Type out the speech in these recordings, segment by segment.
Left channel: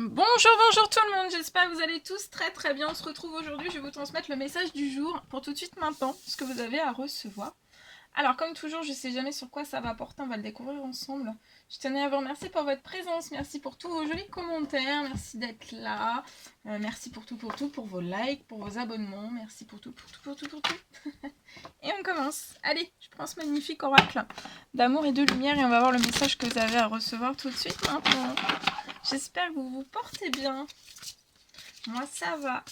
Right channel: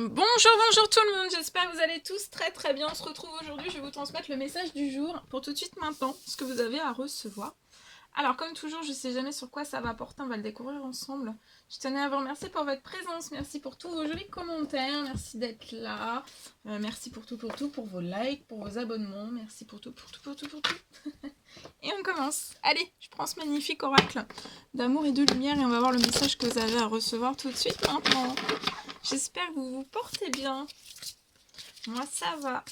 Bonjour tout le monde, j'espère que vous allez tous très bien. On se retrouve aujourd'hui, je vais vous transmettre le message du jour pour tout de suite maintenant, ce que vous avez à recevoir. Alors comme toujours, je ne sais jamais sur quoi ça va porter, on va le découvrir ensemble. Je tenais à vous remercier pour votre présence, merci pour tous vos jolis commentaires, merci d'être là, merci pour tout, pour vos likes, pour vos abonnements, merci pour tout. Et on commence. Allez, je prends ce magnifique oracle d'amour et de lumière et on va voir le message que vous avez à recevoir tout de suite maintenant. J'espère que vous vous portez bien. Moi, ça va.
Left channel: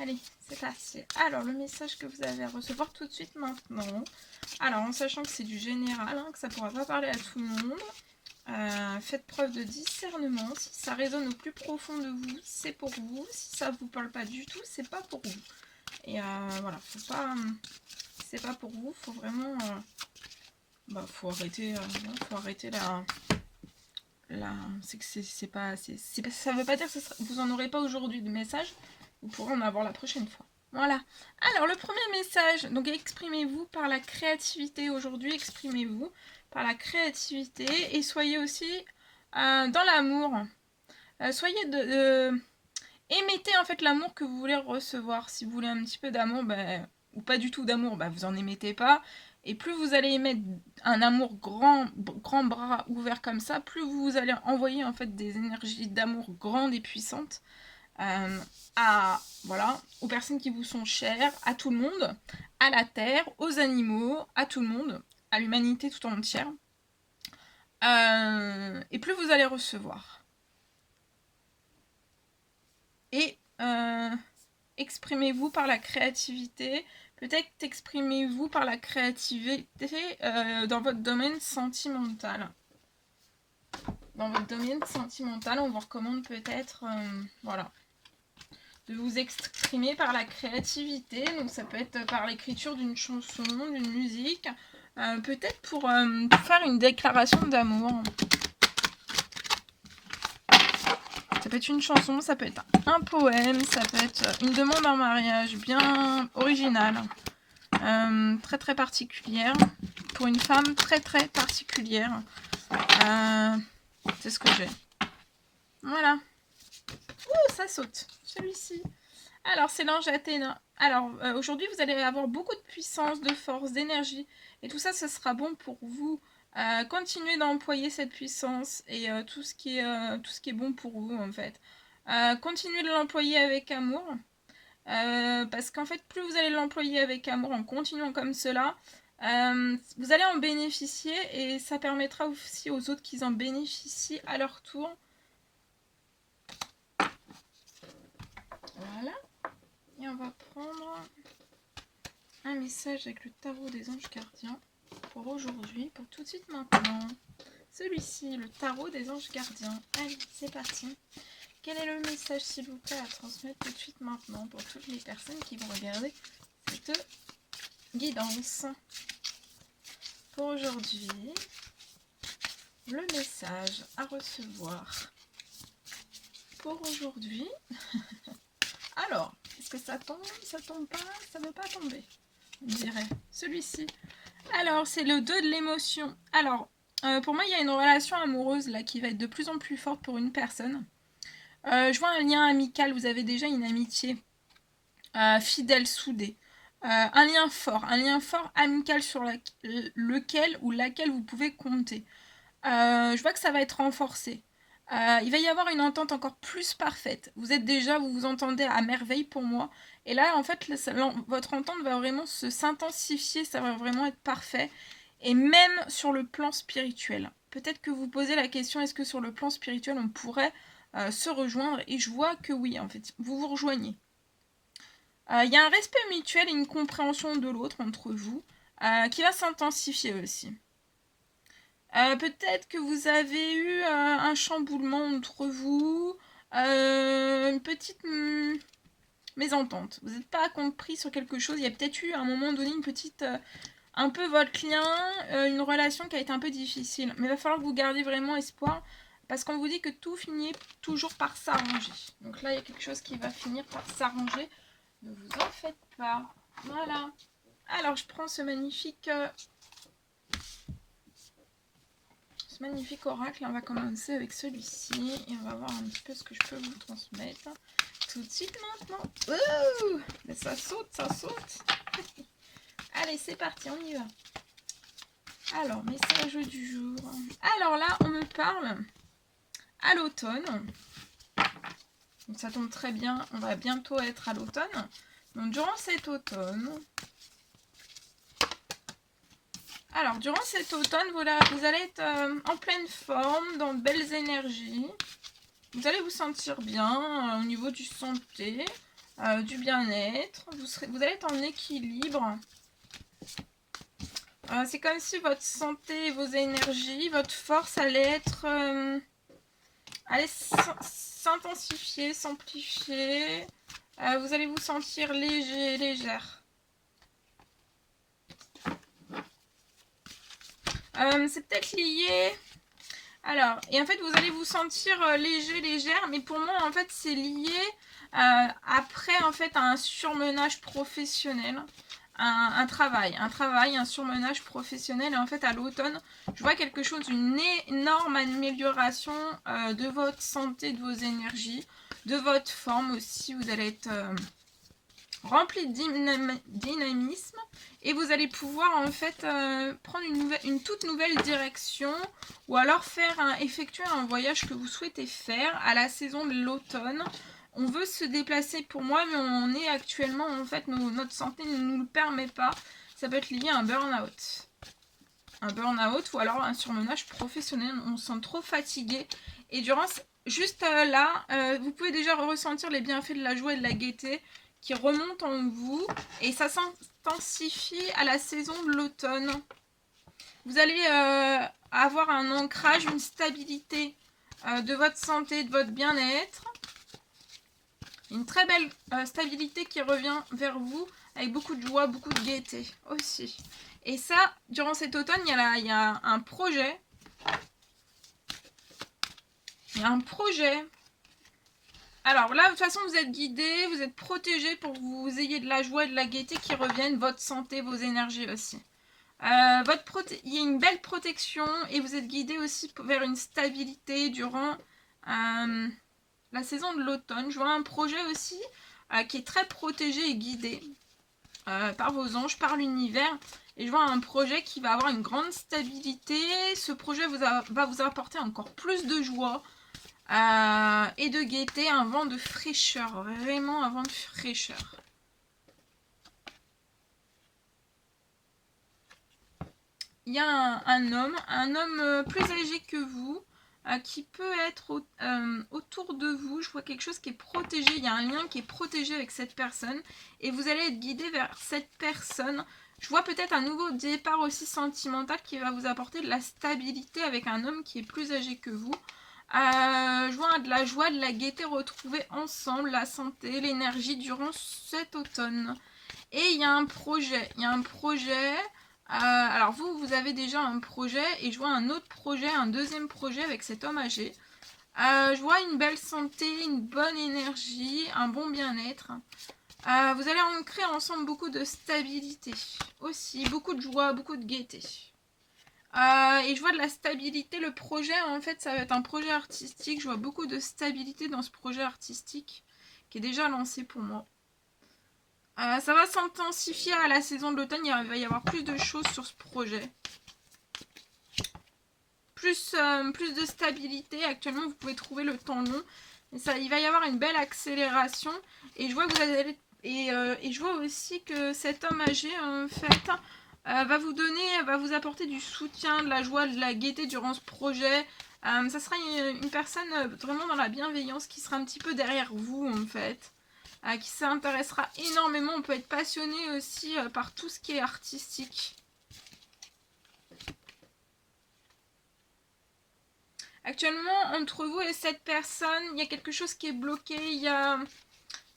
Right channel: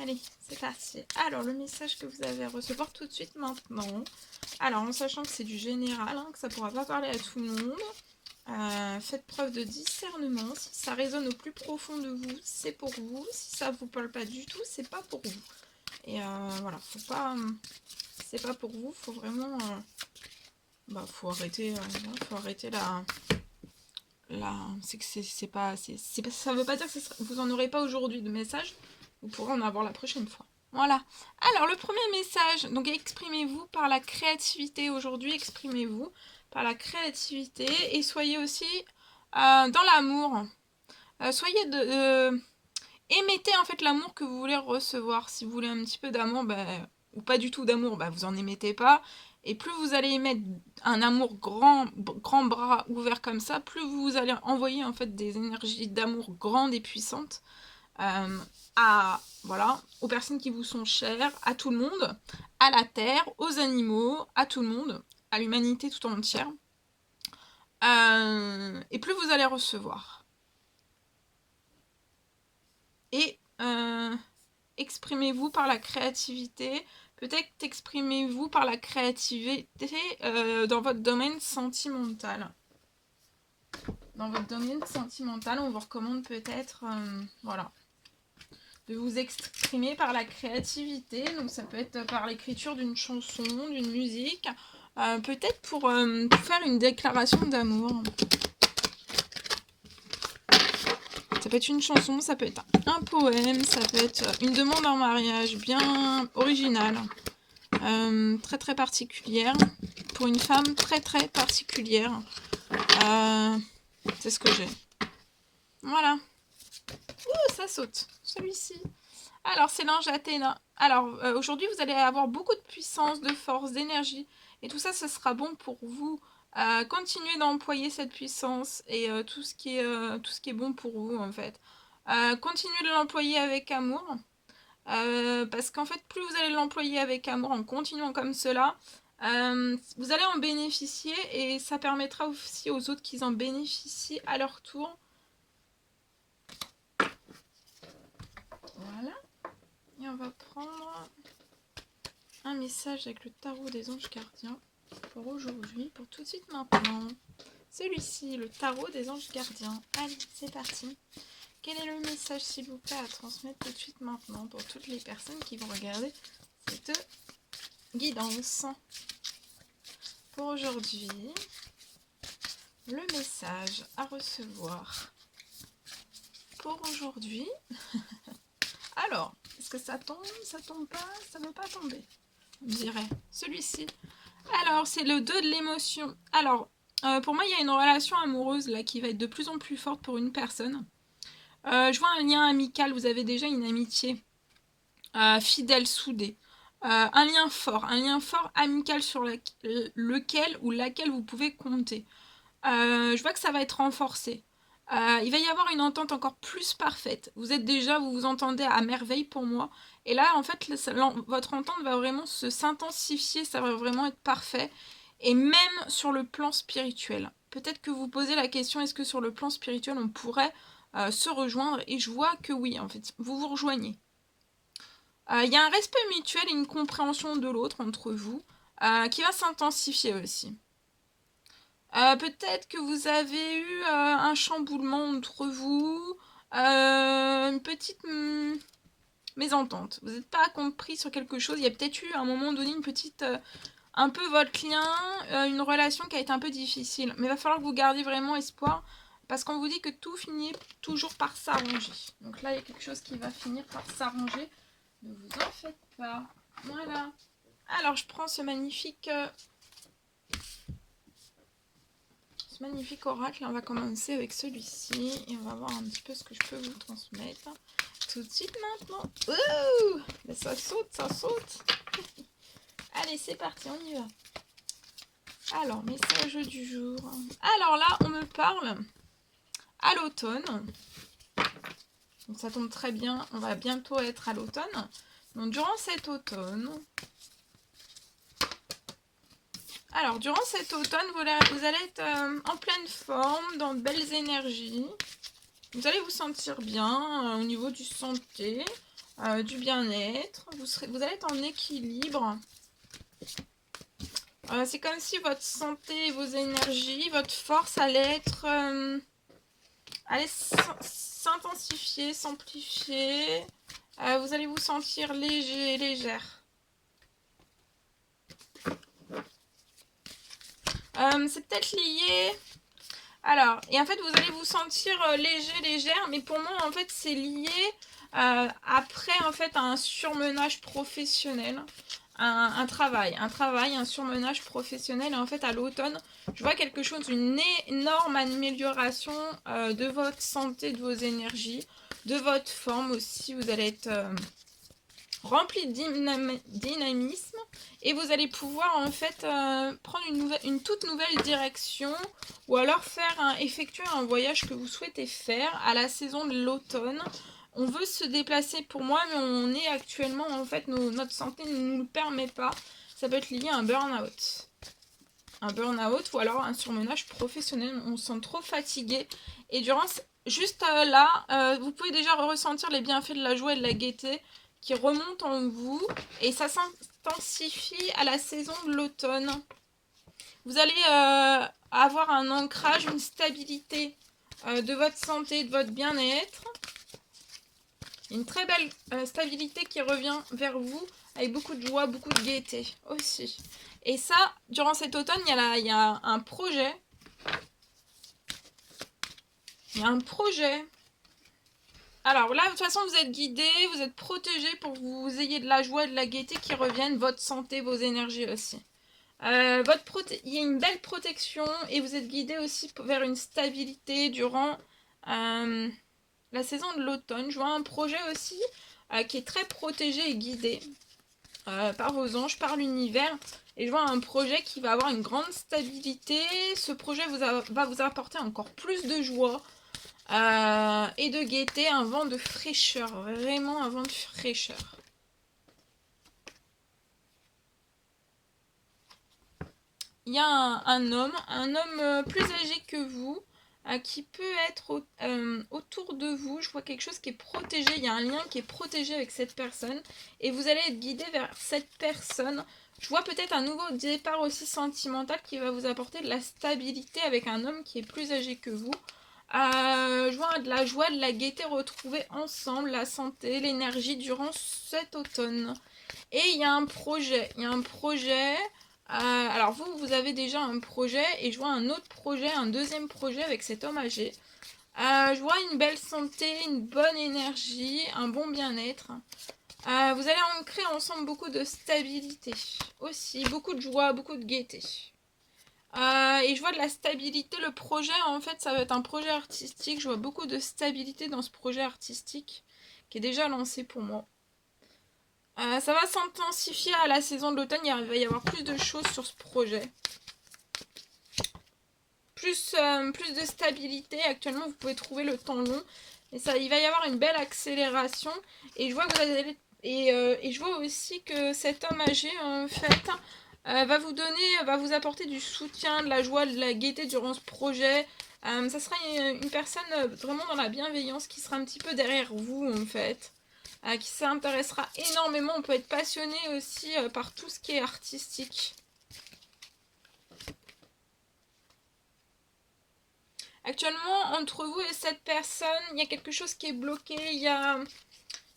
Allez, c'est parti. Alors, le message que vous avez à recevoir tout de suite maintenant. Alors, en sachant que c'est du général, hein, que ça ne pourra pas parler à tout le monde. Faites preuve de discernement. Si ça résonne au plus profond de vous, c'est pour vous. Si ça ne vous parle pas du tout, c'est pas pour vous. Et voilà, faut pas... c'est pas pour vous, faut vraiment... faut arrêter c'est que c'est pas, ça veut pas dire que vous en aurez pas aujourd'hui de message, vous pourrez en avoir la prochaine fois. Voilà. Alors le premier message, donc exprimez-vous par la créativité aujourd'hui, exprimez-vous par la créativité et soyez aussi dans l'amour. Soyez émettez en fait l'amour que vous voulez recevoir. Si vous voulez un petit peu d'amour, ou pas du tout d'amour, vous en émettez pas. Et plus vous allez émettre un amour grand bras ouvert comme ça, plus vous allez envoyer en fait des énergies d'amour grandes et puissantes aux personnes qui vous sont chères, à tout le monde, à la terre, aux animaux, à tout le monde, à l'humanité tout entière. Et plus vous allez recevoir. Et exprimez-vous par la créativité. Peut-être exprimez-vous par la créativité dans votre domaine sentimental. Dans votre domaine sentimental, on vous recommande peut-être de vous exprimer par la créativité. Donc ça peut être par l'écriture d'une chanson, d'une musique. Peut-être pour faire une déclaration d'amour. Ça peut être une chanson, ça peut être un poème, ça peut être une demande en mariage bien originale, très particulière, pour une femme très particulière. C'est ce que j'ai. Voilà. Ouh, ça saute, celui-ci. Alors, c'est l'ange Athéna. Alors, aujourd'hui, vous allez avoir beaucoup de puissance, de force, d'énergie. Et tout ça, ce sera bon pour vous. Continuez d'employer cette puissance et tout ce qui est bon pour vous, en fait. Continuez de l'employer avec amour. Parce qu'en fait, plus vous allez l'employer avec amour en continuant comme cela, vous allez en bénéficier et ça permettra aussi aux autres qu'ils en bénéficient à leur tour. Voilà. Et on va prendre un message avec le tarot des anges gardiens pour aujourd'hui, pour tout de suite maintenant. Celui-ci, le tarot des anges gardiens. Allez, c'est parti. Quel est le message, s'il vous plaît, à transmettre tout de suite maintenant pour toutes les personnes qui vont regarder cette guidance? Pour aujourd'hui, le message à recevoir pour aujourd'hui. Alors, est-ce que ça tombe pas, ça ne veut pas tomber, on dirait. Celui-ci. Alors, c'est le 2 de l'émotion. Alors, pour moi, il y a une relation amoureuse là qui va être de plus en plus forte pour une personne. Je vois un lien amical, vous avez déjà une amitié fidèle, soudée. Un lien fort amical sur lequel ou laquelle vous pouvez compter. Je vois que ça va être renforcé. Il va y avoir une entente encore plus parfaite. Vous vous entendez à merveille pour moi. Et là, en fait, votre entente va vraiment s'intensifier, ça va vraiment être parfait. Et même sur le plan spirituel. Peut-être que vous posez la question, est-ce que sur le plan spirituel, on pourrait se rejoindre? Et je vois que oui, en fait, vous vous rejoignez. Il y a un respect mutuel et une compréhension de l'autre entre vous qui va s'intensifier aussi. Peut-être que vous avez eu un chamboulement entre vous, une petite mésentente. Vous n'êtes pas compris sur quelque chose. Il y a peut-être eu à un moment donné une petite... un peu votre lien, une relation qui a été un peu difficile. Mais il va falloir que vous gardiez vraiment espoir. Parce qu'on vous dit que tout finit toujours par s'arranger. Donc là, il y a quelque chose qui va finir par s'arranger. Ne vous en faites pas. Voilà. Alors, je prends ce magnifique ce magnifique oracle. On va commencer avec celui-ci et on va voir un petit peu ce que je peux vous transmettre tout de suite maintenant. Ouh, mais ça saute, ça saute. Allez, c'est parti, on y va. Alors, message du jour. Alors là, on me parle à l'automne. Donc ça tombe très bien, on va bientôt être à l'automne. Donc durant cet automne... Alors, durant cet automne, vous allez être en pleine forme, dans de belles énergies. Vous allez vous sentir bien au niveau du santé, du bien-être. Vous allez être en équilibre. C'est comme si votre santé, vos énergies, votre force allait s'intensifier, s'amplifier. Vous allez vous sentir léger, légère. C'est peut-être lié... Alors, et en fait, vous allez vous sentir léger, légère, mais pour moi, en fait, c'est lié après, en fait, à un surmenage professionnel, un travail, un surmenage professionnel. Et en fait, à l'automne, je vois quelque chose, une énorme amélioration de votre santé, de vos énergies, de votre forme aussi. Vous allez être rempli de dynamisme. Et vous allez pouvoir en fait prendre une toute nouvelle direction ou alors effectuer un voyage que vous souhaitez faire à la saison de l'automne. On veut se déplacer pour moi, mais on est actuellement, en fait, notre santé ne nous le permet pas. Ça peut être lié à un burn-out. Un burn-out ou alors un surmenage professionnel. On se sent trop fatigué. Et juste là, vous pouvez déjà ressentir les bienfaits de la joie et de la gaieté qui remontent en vous. Et ça s'intensifie à la saison de l'automne. Vous allez avoir un ancrage, une stabilité de votre santé, de votre bien-être. Une très belle stabilité qui revient vers vous avec beaucoup de joie, beaucoup de gaieté aussi. Et ça, durant cet automne, il y a un projet. Il y a un projet. Alors là, de toute façon, vous êtes guidé, vous êtes protégé pour que vous ayez de la joie et de la gaieté qui reviennent, votre santé, vos énergies aussi. Il y a une belle protection et vous êtes guidé aussi vers une stabilité durant la saison de l'automne. Je vois un projet aussi qui est très protégé et guidé par vos anges, par l'univers. Et je vois un projet qui va avoir une grande stabilité. Ce projet va vous apporter encore plus de joie et de gaieté, un vent de fraîcheur. Vraiment un vent de fraîcheur. Il y a un homme plus âgé que vous, qui peut être autour de vous. Je vois quelque chose qui est protégé, il y a un lien qui est protégé avec cette personne. Et vous allez être guidé vers cette personne. Je vois peut-être un nouveau départ aussi sentimental qui va vous apporter de la stabilité avec un homme qui est plus âgé que vous. Je vois de la joie, de la gaieté retrouvée ensemble, la santé, l'énergie durant cet automne. Et il y a un projet, alors vous avez déjà un projet et je vois un autre projet, un deuxième projet avec cet homme âgé. Je vois une belle santé, une bonne énergie, un bon bien-être. Vous allez ancrer ensemble beaucoup de stabilité aussi, beaucoup de joie, beaucoup de gaieté. Et je vois de la stabilité, le projet en fait ça va être un projet artistique, je vois beaucoup de stabilité dans ce projet artistique qui est déjà lancé pour moi. Ça va s'intensifier à la saison de l'automne, il va y avoir plus de choses sur ce projet. Plus de stabilité, actuellement vous pouvez trouver le temps long. Et il va y avoir une belle accélération. Et je vois que vous allez... Et je vois aussi que cet homme âgé en fait va vous apporter du soutien, de la joie, de la gaieté durant ce projet. Ça sera une personne vraiment dans la bienveillance qui sera un petit peu derrière vous en fait. Qui s'intéressera énormément. On peut être passionné aussi par tout ce qui est artistique. Actuellement, entre vous et cette personne, il y a quelque chose qui est bloqué. Il y a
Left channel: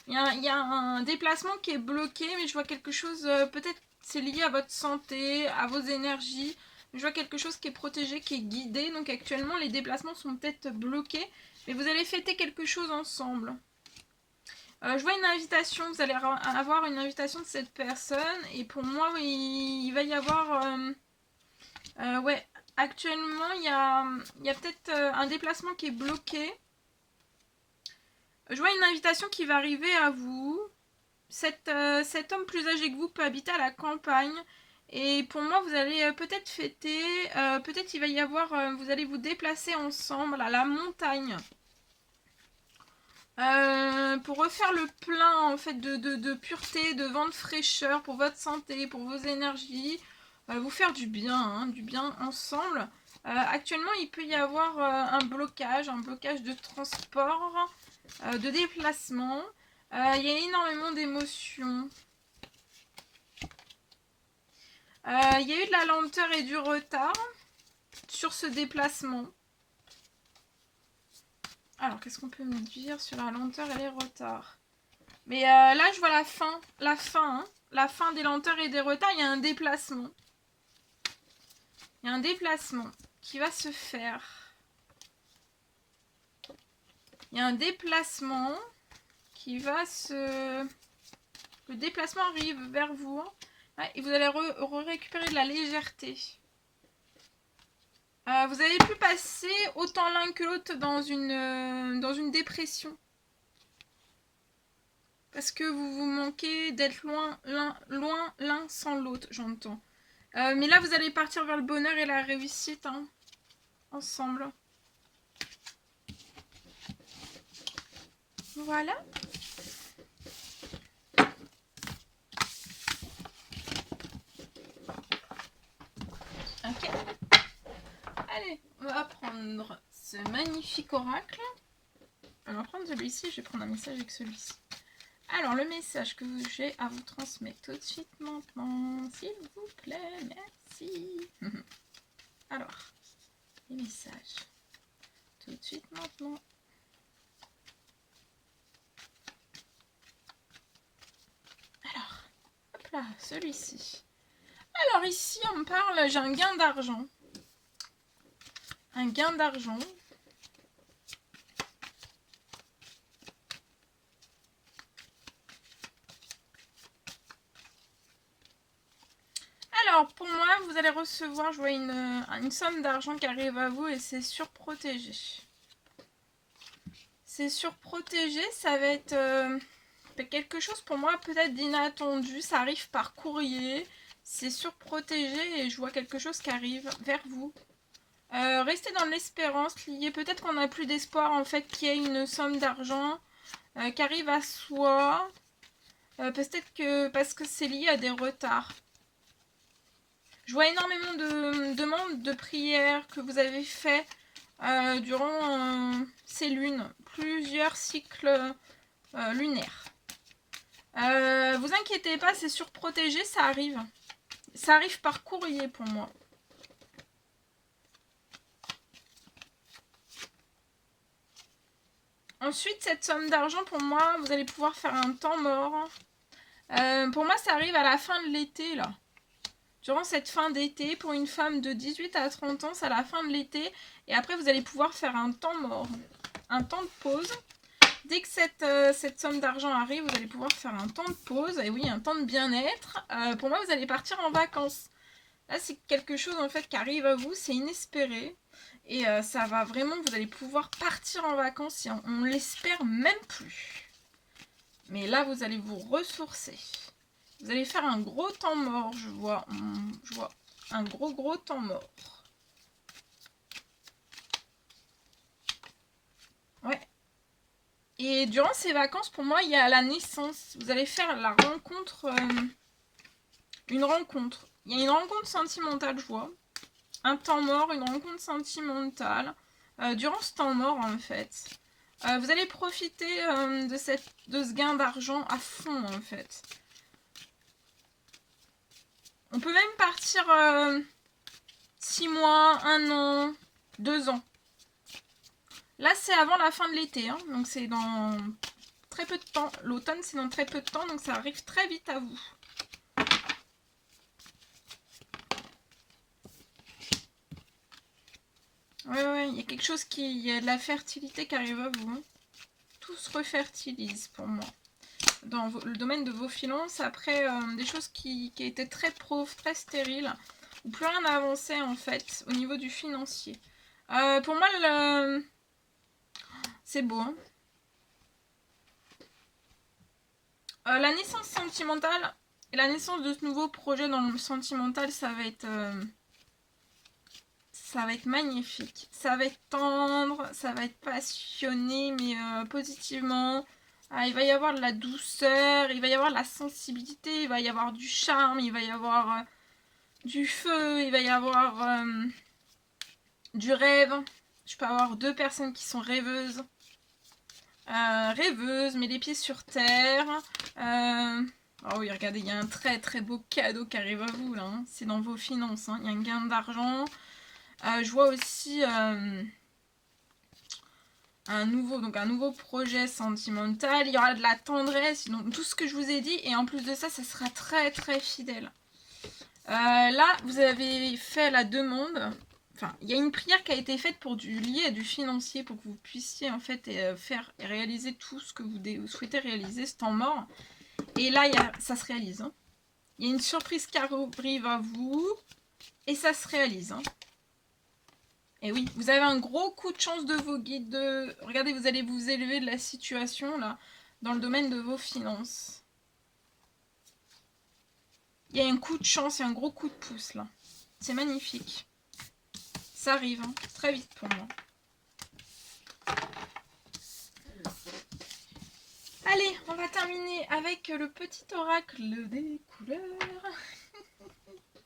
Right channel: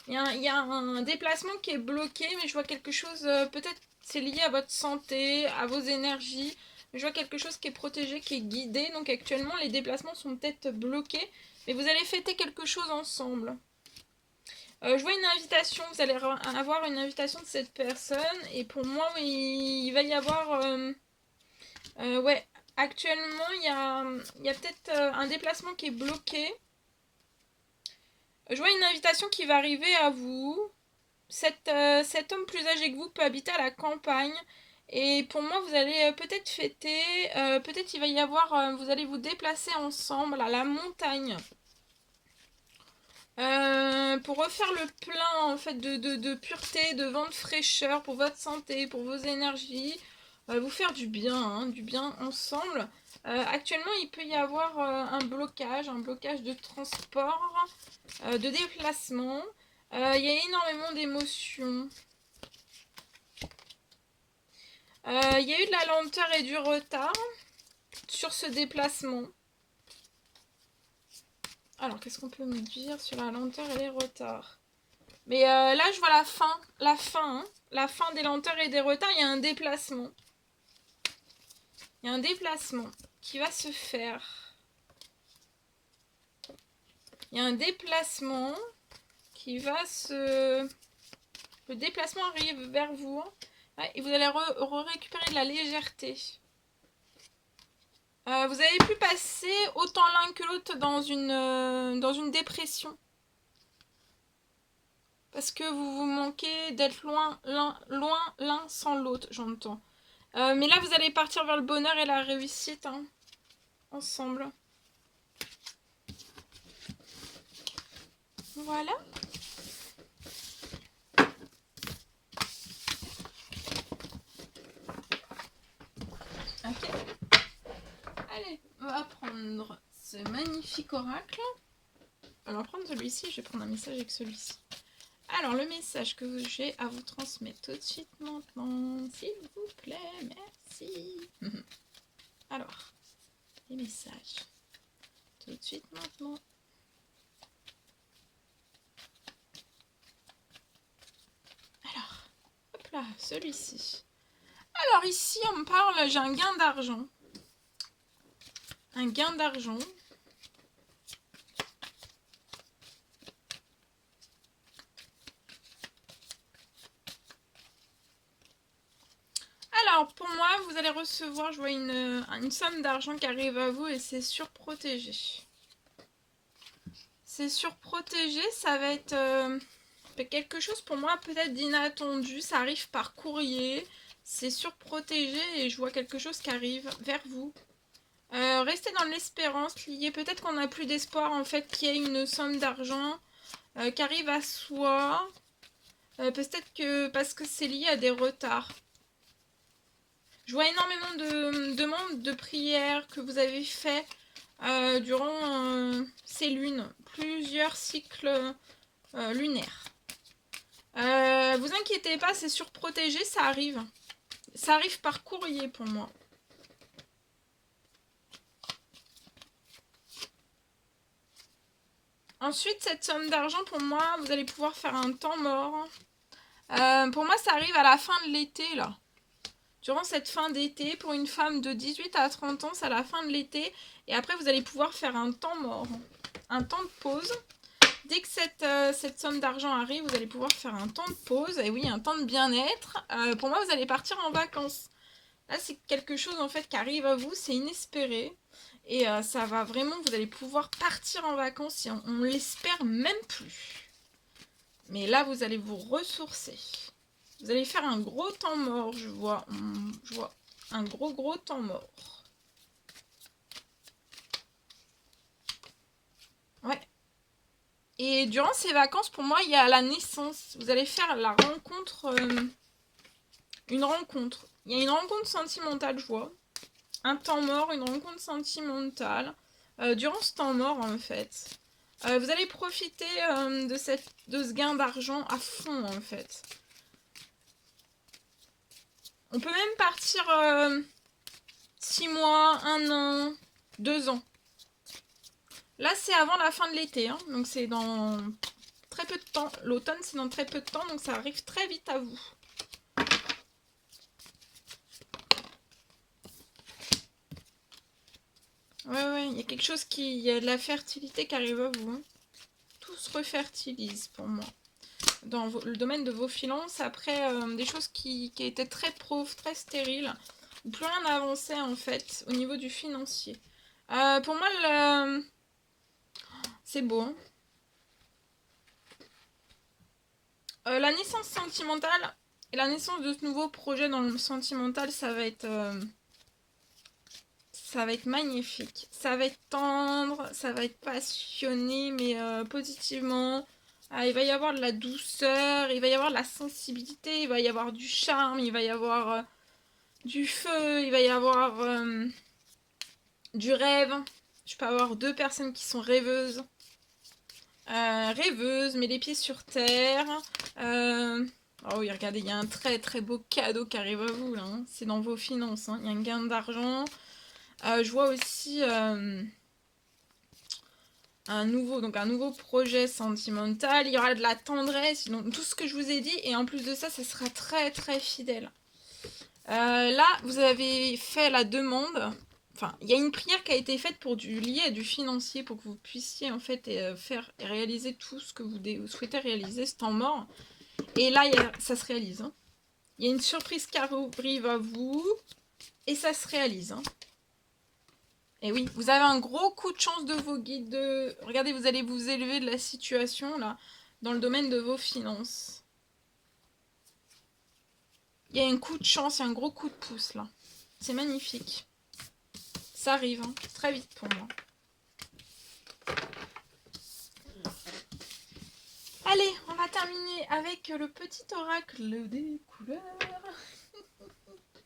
un déplacement qui est bloqué, mais je vois quelque chose, peut-être c'est lié à votre santé, à vos énergies. Je vois quelque chose qui est protégé, qui est guidé. Donc actuellement, les déplacements sont peut-être bloqués, mais vous allez fêter quelque chose ensemble. Je vois une invitation, vous allez avoir une invitation de cette personne. Et pour moi, oui, il va y avoir Actuellement, il y a peut-être un déplacement qui est bloqué. Je vois une invitation qui va arriver à vous. Cet homme plus âgé que vous peut habiter à la campagne. Et pour moi, vous allez peut-être fêter. Peut-être il va y avoir... vous allez vous déplacer ensemble à la montagne. Pour refaire le plein en fait de pureté, de vent de fraîcheur pour votre santé, pour vos énergies, vous faire du bien ensemble. Actuellement, il peut y avoir un blocage de transport, de déplacement. Il y a énormément d'émotions. Il y a eu de la lenteur et du retard sur ce déplacement. Alors, qu'est-ce qu'on peut me dire sur la lenteur et les retards? Mais là, je vois la fin. La fin des lenteurs et des retards. Il y a un déplacement. Il y a un déplacement qui va se faire. Il y a un déplacement qui va se... Le déplacement arrive vers vous. Ouais, et vous allez récupérer de la légèreté. Vous avez pu passer autant l'un que l'autre dans une dépression. Parce que vous vous manquez d'être loin l'un sans l'autre, j'entends. Mais là, vous allez partir vers le bonheur et la réussite, hein, ensemble. Voilà. Ok. Allez, on va prendre ce magnifique oracle. On va prendre celui-ci, je vais prendre un message avec celui-ci. Alors, le message que j'ai à vous transmettre tout de suite maintenant, s'il vous plaît, merci. Alors, les messages, tout de suite maintenant. Alors, hop là, celui-ci. Alors ici, on me parle, j'ai un gain d'argent. Un gain d'argent. Alors, pour moi, vous allez recevoir, je vois une somme d'argent qui arrive à vous et c'est surprotégé. C'est surprotégé, ça va être quelque chose pour moi peut-être d'inattendu. Ça arrive par courrier, c'est surprotégé et je vois quelque chose qui arrive vers vous. Restez dans l'espérance, lié. Peut-être qu'on n'a plus d'espoir en fait qu'il y ait une somme d'argent qui arrive à soi. Peut-être que parce que c'est lié à des retards. Je vois énormément de demandes de prières que vous avez fait durant ces lunes, plusieurs cycles lunaires. Vous inquiétez pas, c'est surprotégé, ça arrive. Ça arrive par courrier pour moi. Ensuite, cette somme d'argent, pour moi, vous allez pouvoir faire un temps mort. Pour moi, ça arrive à la fin de l'été, là. Durant cette fin d'été, pour une femme de 18 à 30 ans, c'est à la fin de l'été. Et après, vous allez pouvoir faire un temps mort. Un temps de pause. Dès que cette somme d'argent arrive, vous allez pouvoir faire un temps de pause. Et oui, un temps de bien-être. Pour moi, vous allez partir en vacances. Là, c'est quelque chose, en fait, qui arrive à vous. C'est inespéré. Et ça va vraiment, vous allez pouvoir partir en vacances. Et on l'espère même plus. Mais là, vous allez vous ressourcer. Vous allez faire un gros temps mort, je vois un gros temps mort. Ouais. Et durant ces vacances, pour moi, il y a la naissance. Vous allez faire la rencontre, une rencontre. Il y a une rencontre sentimentale, je vois. Un temps mort, une rencontre sentimentale. Durant ce temps mort, en fait, vous allez profiter de ce gain d'argent à fond, en fait. On peut même partir 6 mois, 1 an, 2 ans. Là, c'est avant la fin de l'été, hein, donc c'est dans très peu de temps. L'automne, c'est dans très peu de temps, donc ça arrive très vite à vous. Ouais, il y a quelque chose il y a de la fertilité qui arrive à vous. Hein. Tout se refertilise pour moi. Dans le domaine de vos finances, après des choses qui étaient très pauvres, très stériles, ou plus rien n'a avancé en fait au niveau du financier. Pour moi, c'est beau. Hein. La naissance sentimentale et la naissance de ce nouveau projet dans le sentimental, ça va être magnifique. Ça va être tendre, ça va être passionné, mais positivement. Il va y avoir de la douceur, il va y avoir de la sensibilité, il va y avoir du charme, il va y avoir du feu, il va y avoir du rêve. Je peux avoir 2 personnes qui sont rêveuses. Rêveuses, mais les pieds sur terre. Oh oui, regardez, il y a un très très beau cadeau qui arrive à vous là. Hein. C'est dans vos finances. Hein. Il y a un gain d'argent. Je vois aussi un nouveau projet sentimental. Il y aura de la tendresse, donc tout ce que je vous ai dit. Et en plus de ça, ça sera très très fidèle. Là, vous avez fait la demande. Enfin, il y a une prière qui a été faite pour lié à du financier, pour que vous puissiez en fait faire et réaliser tout ce que vous souhaitez réaliser ce temps mort. Et là, ça se réalise. Hein. Il y a une surprise qui arrive à vous et ça se réalise. Hein. Et oui, vous avez un gros coup de chance de vos guides. Regardez, vous allez vous élever de la situation là dans le domaine de vos finances. Il y a un coup de chance et un gros coup de pouce là. C'est magnifique. Ça arrive hein, très vite pour moi. Allez, on va terminer avec le petit oracle des couleurs.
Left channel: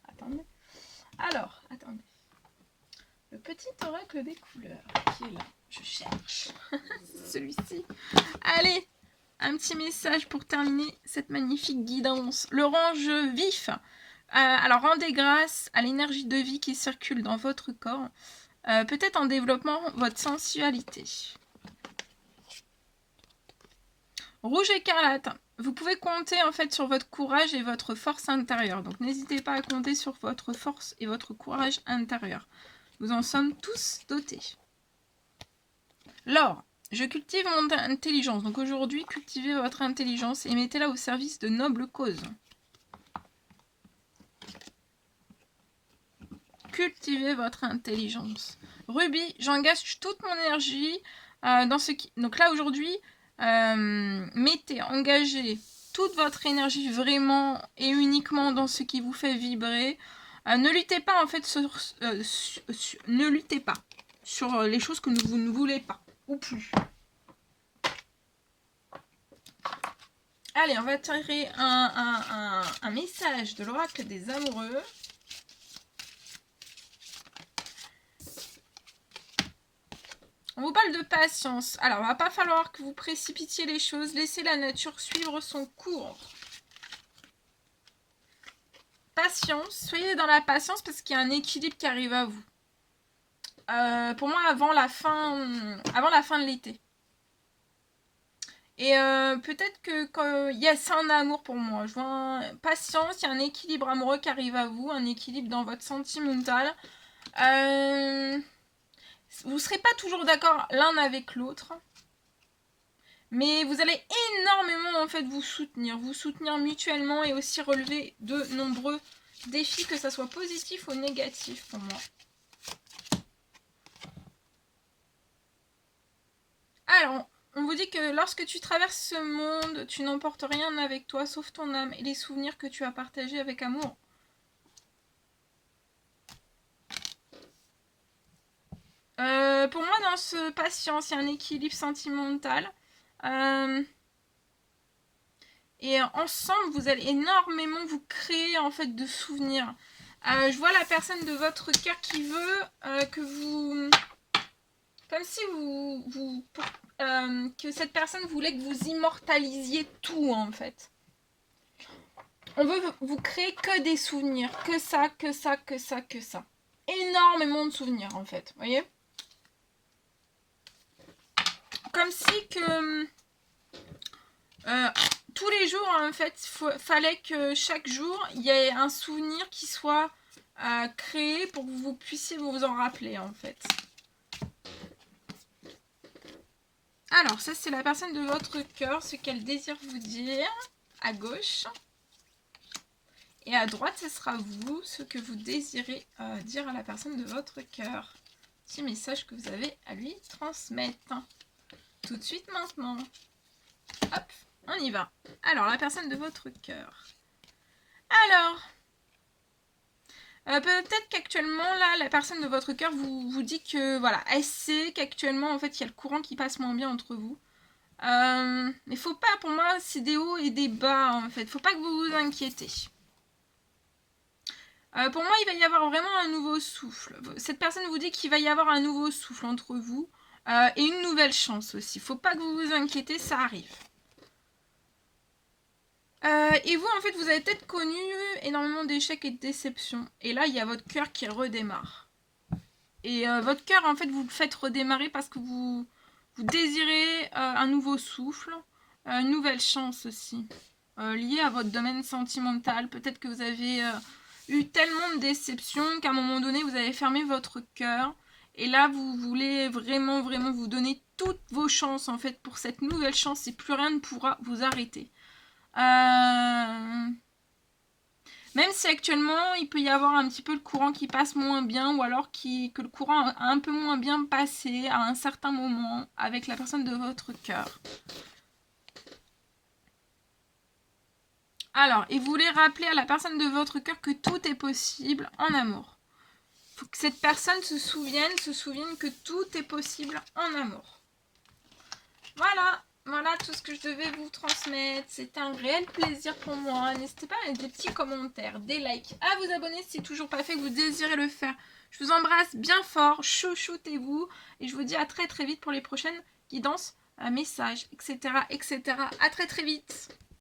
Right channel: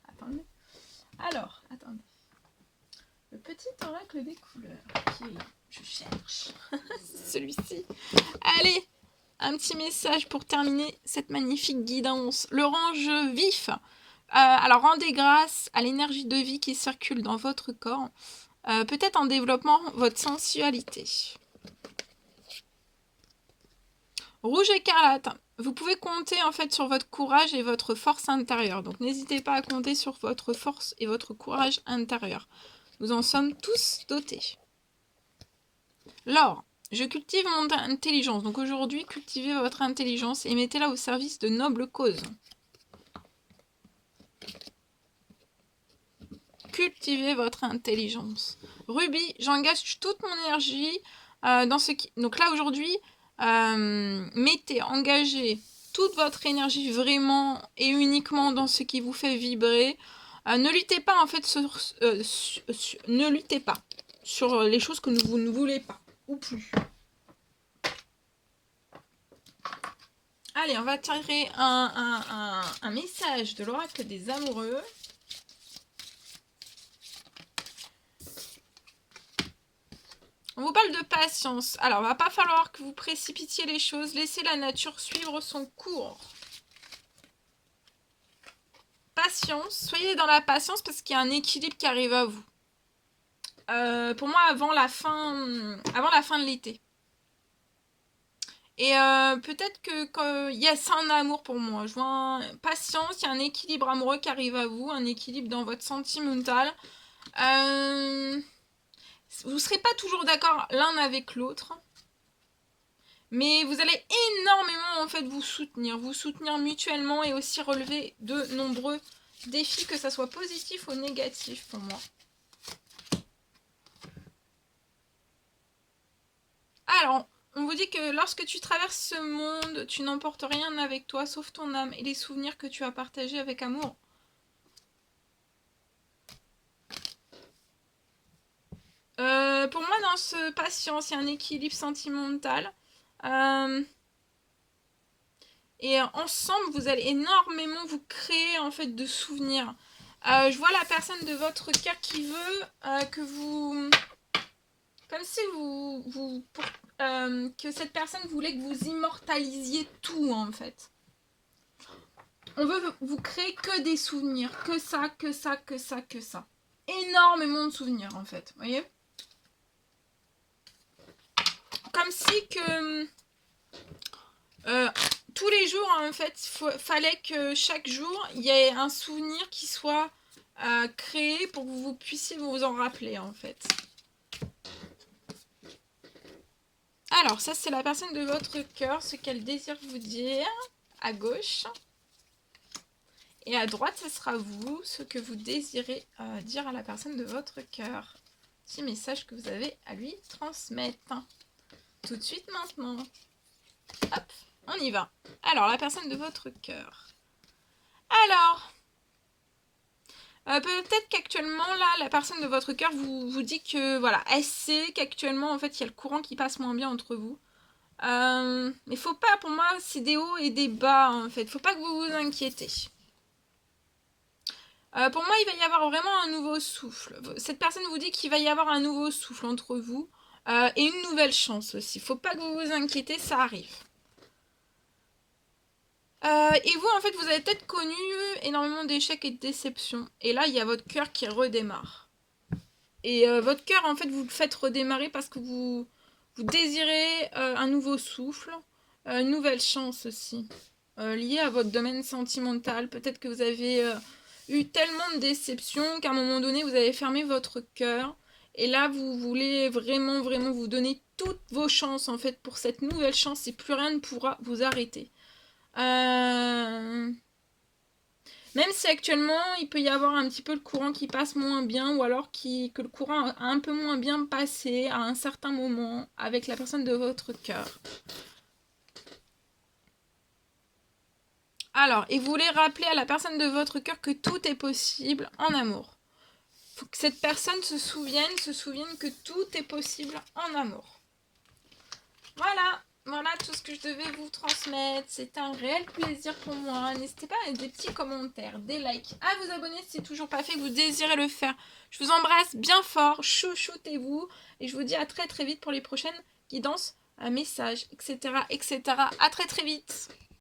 Attendez. Alors, attendez. Le petit oracle des couleurs qui est là. Je cherche. Celui-ci. Allez, un petit message pour terminer cette magnifique guidance. L'orange vif. Alors, rendez grâce à l'énergie de vie qui circule dans votre corps. Peut-être en développant votre sensualité. Rouge écarlate. Vous pouvez compter en fait sur votre courage et votre force intérieure. Donc n'hésitez pas à compter sur votre force et votre courage intérieur. Nous en sommes tous dotés. L'or. Je cultive mon intelligence. Donc aujourd'hui, cultivez votre intelligence et mettez-la au service de nobles causes. Cultivez votre intelligence. Rubis. J'engage toute mon énergie dans ce qui... Donc là aujourd'hui... engagez toute votre énergie vraiment et uniquement dans ce qui vous fait vibrer. Ne luttez pas en fait ne luttez pas sur les choses que vous ne voulez pas ou plus. Allez, on va tirer un message de l'oracle des amoureux. On vous parle de patience. Alors, il va pas falloir que vous précipitiez les choses. Laissez la nature suivre son cours. Patience. Soyez dans la patience parce qu'il y a un équilibre qui arrive à vous. Pour moi, avant la fin de l'été. Et peut-être que c'est un amour pour moi. Je vois patience, il y a un équilibre amoureux qui arrive à vous. Un équilibre dans votre sentimental. Vous ne serez pas toujours d'accord l'un avec l'autre. Mais vous allez énormément en fait vous soutenir mutuellement et aussi relever de nombreux défis, que ça soit positif ou négatif pour moi. Alors, on vous dit que lorsque tu traverses ce monde, tu n'emportes rien avec toi sauf ton âme et les souvenirs que tu as partagés avec amour. Pour moi, dans ce patience, il y a un équilibre sentimental. Et ensemble, vous allez énormément vous créer en fait de souvenirs. Je vois la personne de votre cœur qui veut que vous... Comme si que cette personne voulait que vous immortalisiez tout en fait. On veut vous créer que des souvenirs. Que ça, que ça, que ça, que ça. Énormément de souvenirs en fait. Vous voyez ? Comme si que... tous les jours, en fait, fallait que chaque jour, il y ait un souvenir qui soit créé pour que vous puissiez vous en rappeler, en fait. Alors, ça, c'est la personne de votre cœur, ce qu'elle désire vous dire, à gauche. Et à droite, ce sera vous, ce que vous désirez dire à la personne de votre cœur. Petit message que vous avez à lui transmettre. Tout de suite maintenant. Hop, on y va. Alors, la personne de votre cœur. Alors, peut-être qu'actuellement, là, la personne de votre cœur vous dit que, voilà, elle sait qu'actuellement, en fait, il y a le courant qui passe moins bien entre vous. Mais faut pas, pour moi, c'est des hauts et des bas, en fait. Faut pas que vous vous inquiétez. Pour moi, il va y avoir vraiment un nouveau souffle. Cette personne vous dit qu'il va y avoir un nouveau souffle entre vous. Et une nouvelle chance aussi. Faut pas que vous vous inquiétez, ça arrive. Et vous, en fait, vous avez peut-être connu énormément d'échecs et de déceptions. Et là, il y a votre cœur qui redémarre. Et votre cœur, en fait, vous le faites redémarrer parce que vous désirez un nouveau souffle, une nouvelle chance aussi, liée à votre domaine sentimental. Peut-être que vous avez eu tellement de déceptions qu'à un moment donné, vous avez fermé votre cœur. Et là, vous voulez vraiment, vraiment vous donner toutes vos chances, en fait, pour cette nouvelle chance. Et plus rien ne pourra vous arrêter. Même si actuellement il peut y avoir un petit peu le courant qui passe moins bien ou alors que le courant a un peu moins bien passé à un certain moment avec la personne de votre cœur. Alors, et vous voulez rappeler à la personne de votre cœur que tout est possible en amour. Il faut que cette personne se souvienne que tout est possible en amour. Voilà tout ce que je devais vous transmettre. C'était un réel plaisir pour moi. N'hésitez pas à mettre des petits commentaires, des likes, à vous abonner si ce n'est toujours pas fait, que vous désirez le faire. Je vous embrasse bien fort, chouchoutez-vous. Et je vous dis à très très vite pour les prochaines guidances, messages, etc. etc. À très très vite.